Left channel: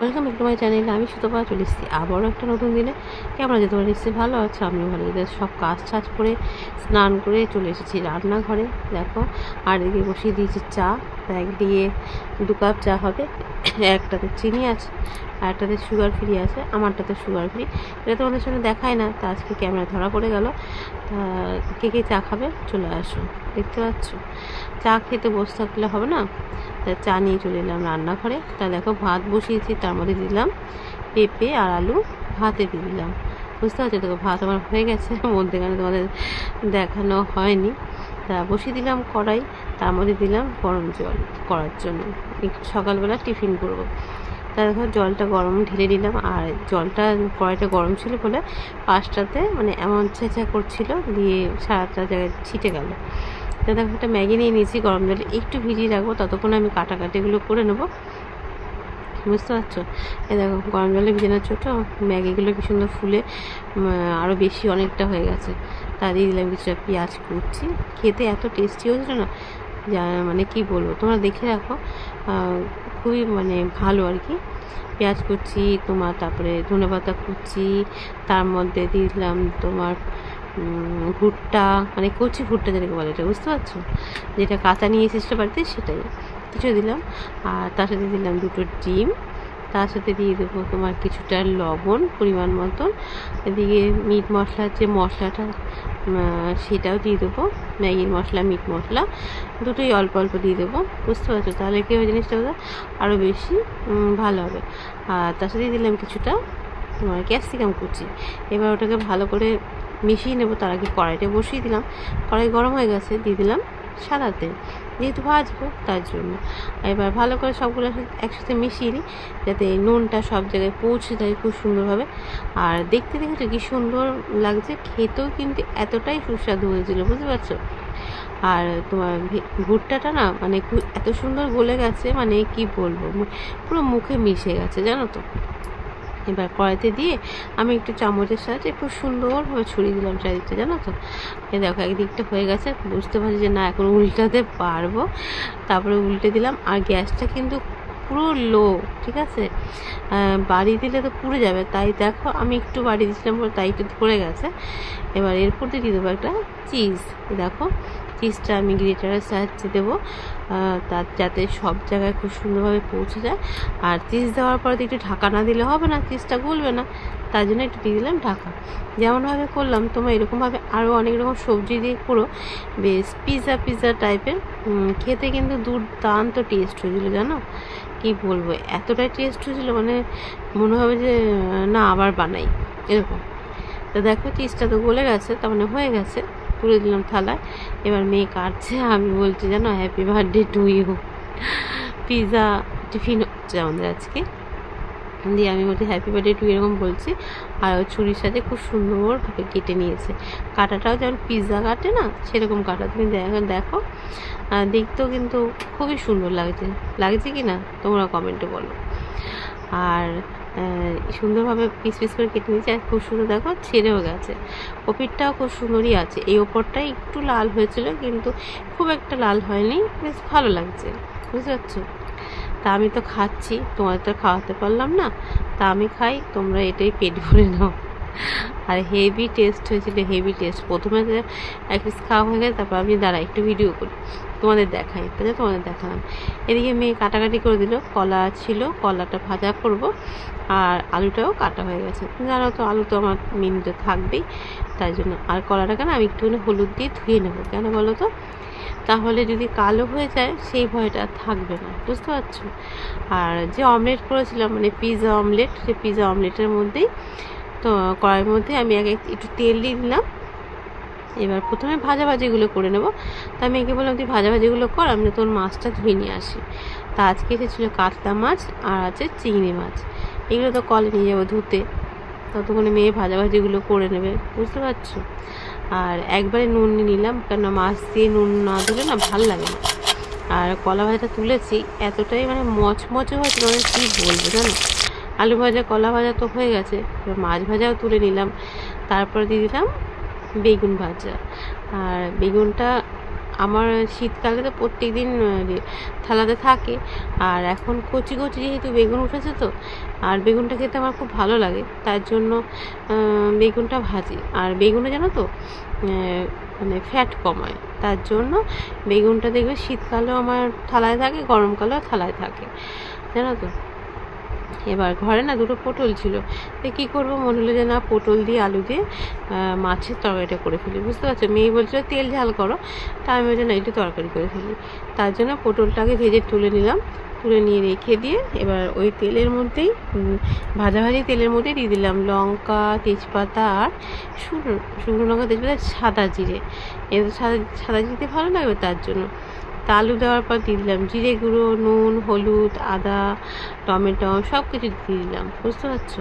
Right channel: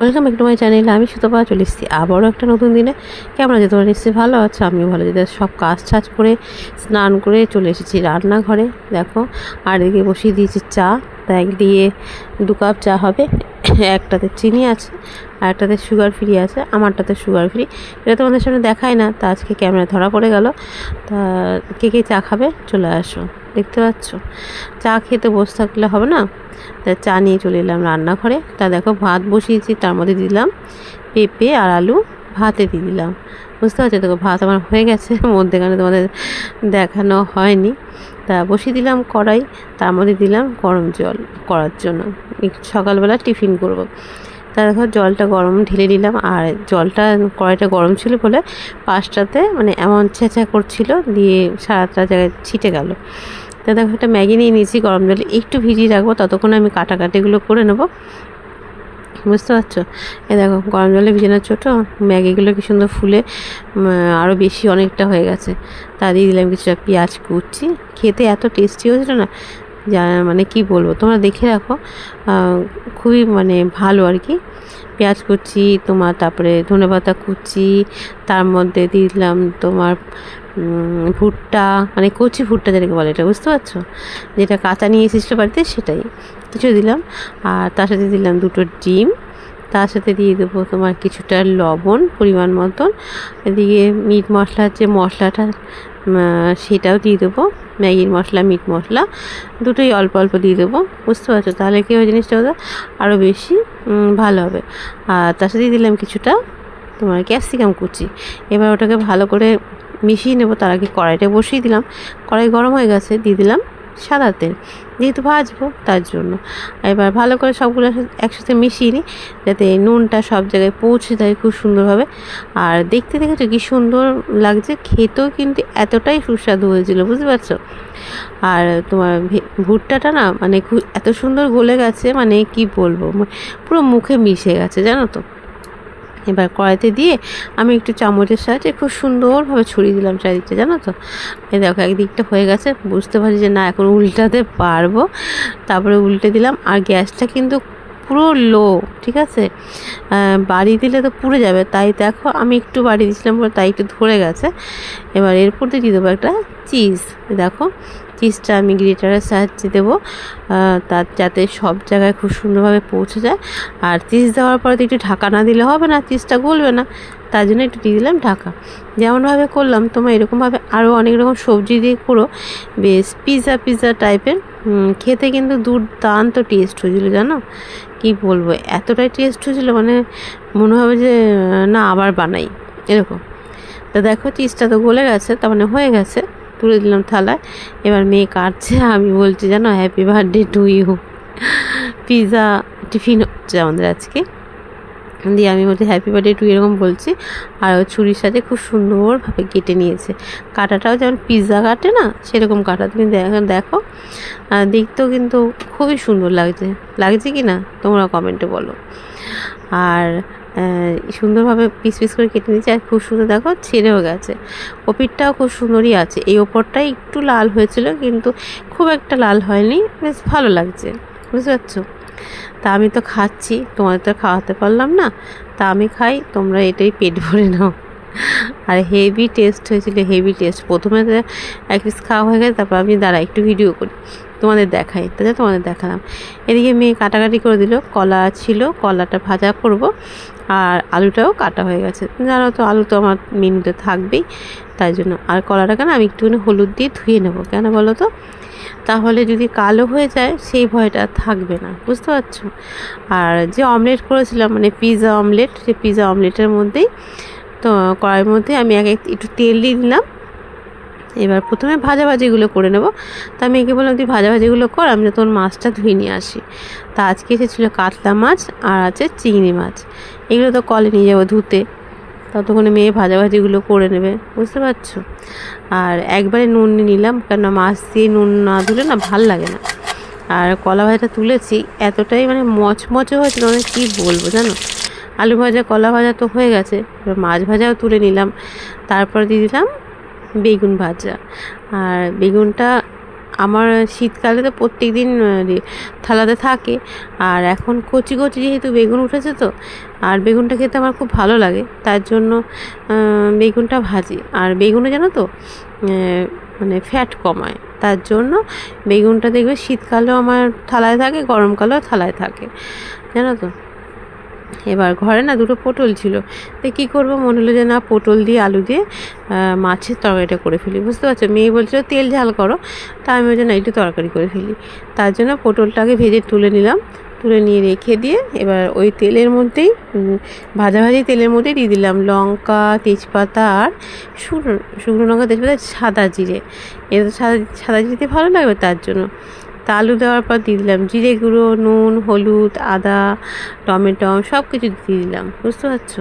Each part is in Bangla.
Welcome back to my channel. আমি সুতপা চলে এসেছি আবারও একটা নতুন দিনে। কেমন আছে তোমরা? নিশ্চয়ই ভালো আছো, আমিও ভালো আছি। সব কাজ টাজ করে স্নান করে চলে এসেছি রান্নাঘরে। দেখো, আর এদিকে বসিয়ে দিয়েছি চা। তা একদিকে 2 কাপ চা হবে, একটাতে চিনি আছে আর একটাতে সুগার ফ্রি আছে, আমারটাতে সুগার ফ্রি। এটা তোমাদের সামনে দেখাই না, তা আজকে ক্যামেরা ধরা পড়ে গেল। তা কে কে চা খাবে চলে আসো। দেখতে পাচ্ছ, চা খেতে বসে থাকলে হবে না, তা চা নিয়ে চলে এলাম রান্নাঘরে। তা দেখো, ভাত বসিয়েছি, তার মধ্যে দিলাম পেঁপে আর আলু, ভাতে দিয়ে দিলাম। বুঝতে পারছো? দেখো ভাত আমার হয়ে গেছে, মধ্যেখানে তোমাদের দেখানো হয়নি। তা বসিয়ে দিলাম কড়াই, তার মধ্যে দিলাম গরম জল করার জন্য, সকালবেলা টিফিন করব। তা দেখো জলটা গরম ঢেলে দিলাম, আর জলটা কড়াইটা গরম ছিল বলে পাশটাতে মানে এমন ছেঁচা করছিল, দিয়ে সারাটা জায়গায় ছিটে গেল। তা দেখো একটা ম্যাগি নিয়ে নিয়েছি, গরম জলে একটু ভিজিয়ে রাখবো, ততক্ষণ আমি কাটাকাটিগুলো করে নেবো। বুঝতে পারছো? এ দেখো গরম জলে ভিজানো ছোটো ম্যাগিগুলো কি সুন্দর ফুলে আরও বেশি অনেকটা হয়ে গেছে। তা দিয়ে দিলাম কিছুটা পেঁয়াজ কুচি, খেতে এত টেস্টি হয়েছিল না, মানে কি বলবো, তোমরা দেখে রাখো, খুবই মানে ভালো আর কি। পেঁয়াজ কুচি তোমার, তারপরে ধনেপাতা কুচি, তার মধ্যে দিলাম তোমার ভুট্টা, মানে কচি ভুট্টা যেটাকে বলে, এটা বুঝতে পারছো, যেটা কাঁচা নিয়ে এসেছিলো বাড়িতে সেটাই কিছু দিলাম। আর তার সাথে দিলাম 2টো ডিম, তার সাথে দিয়ে দেবো তোমার কিছুটা লবণ পরিমাণ মতন। এদিকে মিট মশলার যে মশলাটা সেটাও দিয়ে দেবো, ম্যাগির মশলা মিট মশলা দুটোই অল্প অল্প দিয়ে দেবো। বুঝতে পারছো? তাহলে কি ওই জিনিসটা আরও বেশি ভালো হবে। আর তার সাথে দিলাম কিছুটা তোমার ক্যাপসিকাম কুচি। এবার ওটাকে ভালো করে মিশিয়ে নেবো। তার আগে কড়াইটা বসিয়ে দিলাম, কড়াই গরম হয়ে গেছে, দিয়ে দিলাম সাদা তেল, যেহেতু ভাজবো তার জন্য। এবার ভালো করে সবগুলো একসাথে মিশিয়ে নিই, যাতে নুনটা সব জায়গায় পৌঁছে যায় খুব সুন্দরভাবে। আর দেখতে দেখেছো কি সুন্দর লাগছে, খেতেও কিন্তু এতটাই সুস্বাদু হয়েছিল, বুঝতে পারছো? আর তোমার ভুট্টাটা না মানে এত সুন্দর গলে গেছে, মানে কি বলবো, পুরো মুখে মিশে গেছে, জানো তো। এবার কড়াইতে দিয়ে আমি একটু চামচের সাহায্যে খুব সুন্দরভাবে ছড়িয়ে দিলাম চারিদিকটা, জানো তো। এই দেখো একদিকটা হয়ে গেছে, বুঝতে পারছি যে না এখন উল্টাতে পারবো। তারপরে উল্টে দিলাম, আর গ্যাসটা কিন্তু পুরো লো, ঠিক আছে? বাড়ি দিলে তো পুড়ে যাবে, তাই দেখো আমি একটু বাড়ি দিয়েছিলাম বলে তাই একটু ধরে গেছে। এবার এরপর দিয়ে দেবো একটা চিজ। দেখো চিজটা আমি গ্রেটারের সাহায্যে দেবো, তার যাতে সব জায়গায় খুব সুন্দরভাবে পৌঁছে যায়। আর চিজ দেওয়ার পরে তো একটু ঢাকা না দিলে হবে না, চিজটা গলবে না, তার জন্য একটু দিয়ে দিলাম ঢাকা। যেমনভাবে করলাম তোমরা এরকমভাবে আরও অনেক রকম সবজি দিয়ে করো, বেশ পিৎজা টাইপের, খেতে কিন্তু দুর্দান্ত টেস্ট হয়েছিল, জানো কি বলবো, এতটাই টেস্ট হয়েছিল মানে মনে হবে যে না আবার বানাই এরকম। তা দেখো চিজটা তো গলে গেছে, তার মানে হয়ে গেছে, তুলে দিলাম থালায়। এবার মেয়ে কাটছে, আমি বলছি জানো happy birthday to you. Pizza tiffin হচ্ছে আমাদের আজকে, দিয়ে আমি বলছি হ্যাপি বার্থডে টু এরকম বলছি। আর ও ছুরির সাথে খুব সুন্দরভাবে কেটে নিয়েছে, কাটাটাও যেমন পিৎজা কাটে না সেরকম কাটা। তুমি দেখো দেখতেও কিন্তু খুবই সুন্দর লাগছে কি না তোমরা কমেন্টে বলো। আর সুন্দরভাবে পিস পিস করে কেটে নিয়েছি, আর খুব সুন্দর দেখো ছেড়েও গেছে। ওপিরটাও খুব সুন্দরই আছে, এই ওপরটাই একটু লাল হয়েছিল কিন্তু খুব একটা লাল হয়নি, বেশ ভালো লাগছে, বুঝতে পারছো? তা আমি তো খাচ্ছি, তোমাদের তো খাওয়াতে পারলাম না, তা আমি খাই, তোমরা এটাই পেট ভরে নাও। আর হেভি টেস্ট হয়েছিল, হেভি টেস্ট। প্রথমে এক পিস খাওয়া হয়ে গেছে, তারপর আমি দাঁড়া একটু ভিডিও করি, তোমাদের দেখাই, তাহলে তোমাদের দেখালাম। এদিকে মেয়ে কাটাকাটি করে দিল, কলা ছিল, কলাটা ভাজা করব, আর আলুটাও কাটা হয়ে গেছে। জানো তো আলু তো আমার মেনুতে থাকবেই, তাই জন্য। আর কলাটাকে না আমি একটুখানি হলুদ দিয়ে ধুয়ে নেবো, কেন বলো তো, তাহলে যদি কালো হয়ে যায় সেই ভয়টা থাকবে না, বুঝতে পারছো? আর যে অমলেট করেছিলাম মানে পিৎজা অমলেট, সেই পিৎজা অমলেটের মধ্যেই তো কড়াইয়ের মধ্যে আমি একটু তেল দিয়ে দিলাম। এবার প্রথমে ভাজাভাজিগুলো করে নেবো। তা আমি একে বললাম তুই ভাজাভাজিগুলো কর, আমি তোর মাছটা ধুয়ে নিয়ে আসি। তা আজকে এসেছিলো কাতলা মাছ আর আছে চিংড়ি মাছ, এগুলো তো কলে নিয়ে যাবো ধুতে, ততক্ষণে মেয়ে ভাজাভাজিগুলো করে নেবে, বুঝতে পারছো? আর একবারে নুন নিয়ে নিলাম, কেন মাছ দিয়ে নুন না দিলে না ভাল লাগে না। আর কলা ভাজাটা তুলেছি, এতটাই মানে মচমচে হয়েছিল মানে কী বলবো, জানো। আলু ভাজা কলা ভাজা তো হয়ে গেছে, এবার মাছ ভাজাও তুলে নিলাম। তারপর দিয়ে দিলাম বেগুন ভাজা। আর বেগুনটা আমার শীতকালে তো প্রত্যেক দিন থালাতে থাকে। আর এখন কচি কচি যেহেতু বেগুন উঠেছে তো, আর বেগুনটা খেতে আমার খুব ভালো লাগে, তার জন্য বেগুনটা ভাজি। আর বেগুনে জানো তো মানে ফ্যাট কমায়, তার জন্য বেগুনটা দেখবে শীতকালেও আমার থালায় থাকে, গরমকালেও থালায় থাকে, জানো তো। এবার ঘরে না দুটো পটল ছিল, তো কী করবো, মনে হলো যে না পটল দিয়ে আলু দিয়ে মাছের তরকারিটা করে ফেলি, বুঝতে পারছো। মেয়ে বলছিল তেল ঝাল করো, তা আমি বলছি না একটু তরকারি করে ফেলি। তার জন্য পটলটাকে ভেজে তুলে নিলাম, তুলে নিয়ে রেখে দিয়ে এবার ওই তেলের মধ্যেই ভাজাভাজি তেলের মধ্যেই দিয়ে দিলাম লঙ্কা, তেজপাতা আর শুকনো লঙ্কা, তেজপাতা, সাদা জিরে। এটা সাদা জিরে ভালো লাগবে তার জন্য। তা আলু দেওয়ার পর দিয়ে দিলাম জিরে গুঁড়ো, নুন, হলুদ, আদা, টমেটো সব কিছু দিয়ে দিলাম, বুঝতে পারছো।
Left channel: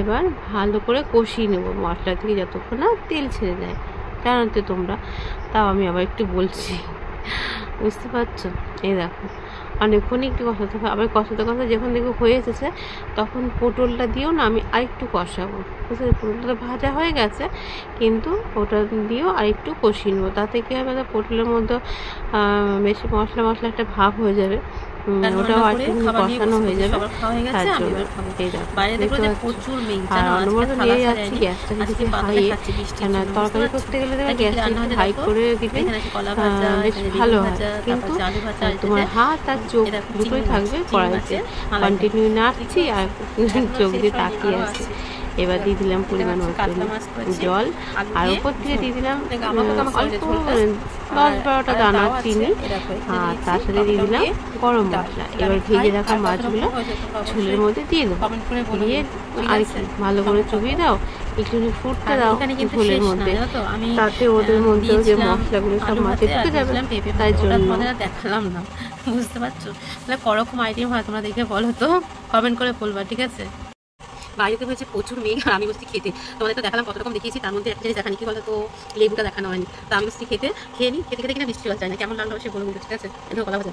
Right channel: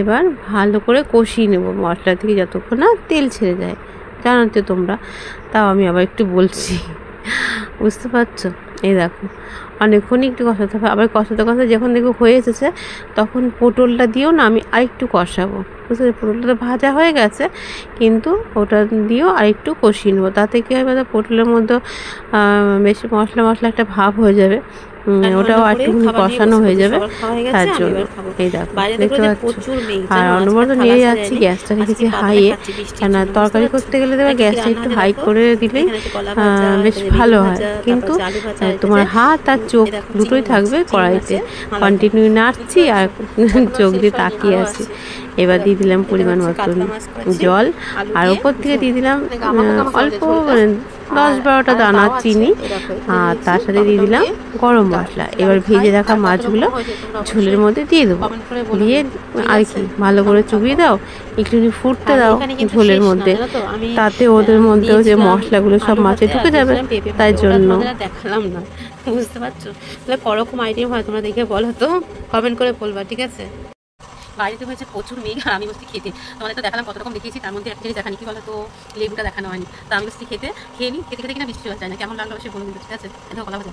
এবার ভালো করে কষিয়ে নেবো মশলা থেকে যতক্ষণ না তেল ছেড়ে যায়, জানো তো তোমরা, তাও আমি আবার একটু বলছি, বুঝতে পারছো। এই দেখো অনেকক্ষণ একটু কষাতে হবে, আবার কষাতে কষাতে যখন দেখবো হয়ে এসেছে তখন পটলটা দিয়েও না আমি আরেকটু কষাবো, বুঝতে পটলটা তো ভাজা হয়ে গেছে, কিন্তু ওটা দিয়েও আরেকটু কষিয়ে নেবো। তাতে কী হবে, পটলের মধ্যে বেশি মশলা মশলা একটা ভাব হয়ে যাবে, ওটাও আর একটু কষানো হয়ে যাবে, তার জন্য। এই দেখো দেখতে পাচ্ছ। আর অনবরত নিয়ে যাচ্ছি, গ্যাসটা রেখেছি হাইয়ে, কেন তরকারি করতে গেলে দেবে গ্যাসটা একটু হাই করে দিলেই বেশ ভালো হয়, কিন্তু তোমার হাত আর চোখ দুটোই থাকবে কড়াইতে, কন্টিনিউ নাড়ছি আর চোখ দিয়ে তাকিয়ে আছি। এবার দিয়ে দিলাম পরিমাণ মতন জল, আর ওপর থেকে দিয়ে দিলাম অল্প 10-12টা দানা চিনি, আর তার সাথে দিয়ে দিলাম গরম মশলা। এবার ভেজে রাখা মাছগুলো ঝোলের মধ্যে দিয়ে দেবো, দিয়ে আর কি ভালো করে চুবিয়ে দাও, একটু ফুটতে দাও ঝোলের মধ্যে, তাতে ওদের মধ্যেও যে মশলাগুলো সব মাছে ঢুকে যাবে, তাই জন্য দেখালাম না, বুঝতে পারছো। তাহলে করকম আইটেম হয় তোমরা দেখে বলো তো, কমেন্ট করে বলবা, ঠিক আছে। বাড়িতে হয়েছে প্রচুর মেঘ, আর আমি বসছি খেতে, তোমাদের তো দেখালাম কত রকম দেখিয়েছি, তার মধ্যে একটা জিনিস দেখানি, কি বলো তো, লেবুটা দেখানো হয়নি। তো আমি বসছি খেয়ে নিই, খেতে খেতে কিনা বৃষ্টি হয়ে যায় না, কেমন লাগলো সে বলবো কিন্তু, ঠিক আছে। এখন কলা ভাজা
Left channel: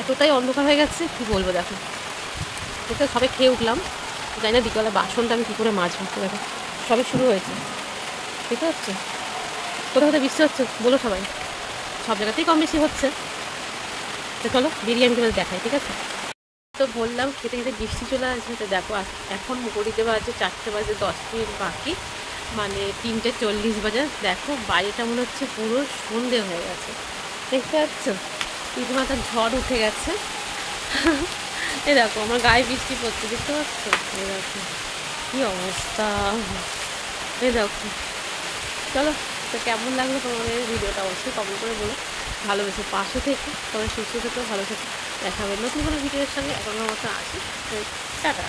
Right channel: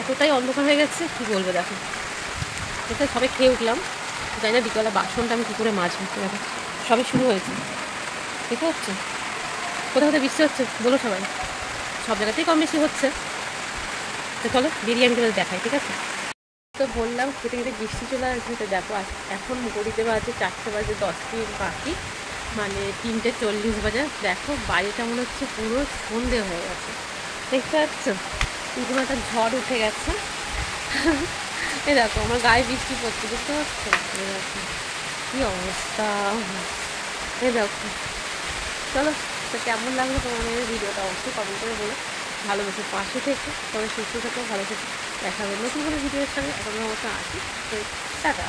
এতটাই অন্ধকার হয়ে গেছে কি বলবো, দেখো এটা সবে খেয়ে উঠলাম, জানি না বিকেলবেলা বাসনটা আমি কী করে মাজবো, দেখো সবে শুরু হয়েছে, বুঝতে হচ্ছে। কোথাও কোথাও বৃষ্টি হচ্ছে বলো সবাই, সব জায়গাতেই কম বেশি হচ্ছে। তো চলো বিরিয়ানি তোমাদের দেখাই, ঠিক আছে। তো বললাম খেতে খেতে বৃষ্টি চলে আসছে, তো দেখো এখন ঘড়িতে বাজে 4টে বাজে 10 মিনিট বাকি, মানে 3:40 বাজে। দেখো বাড়িটা মনে হচ্ছে পুরো সন্ধে হয়ে গেছে, দেখতে পাচ্ছ, রীতিমাতার ঝড় উঠে গেছে। এই দেখো আমার গায়ে বৃষ্টি পড়ছে, দেখতে পাচ্ছ, এই দেখো কী অবস্থা, এই দেখো। চলো, তো কেমন লাগলো তোমাদের ভিডিওটা অবশ্যই কমেন্ট করে বলো, ভালোবেসে পাশে থেকে তোমার সুস্থ থেকেও ভালো থেকে, দেখা হবে নতুন কোনো ভিডিওর সঙ্গে। এখনকার মতো আসি, টাটা।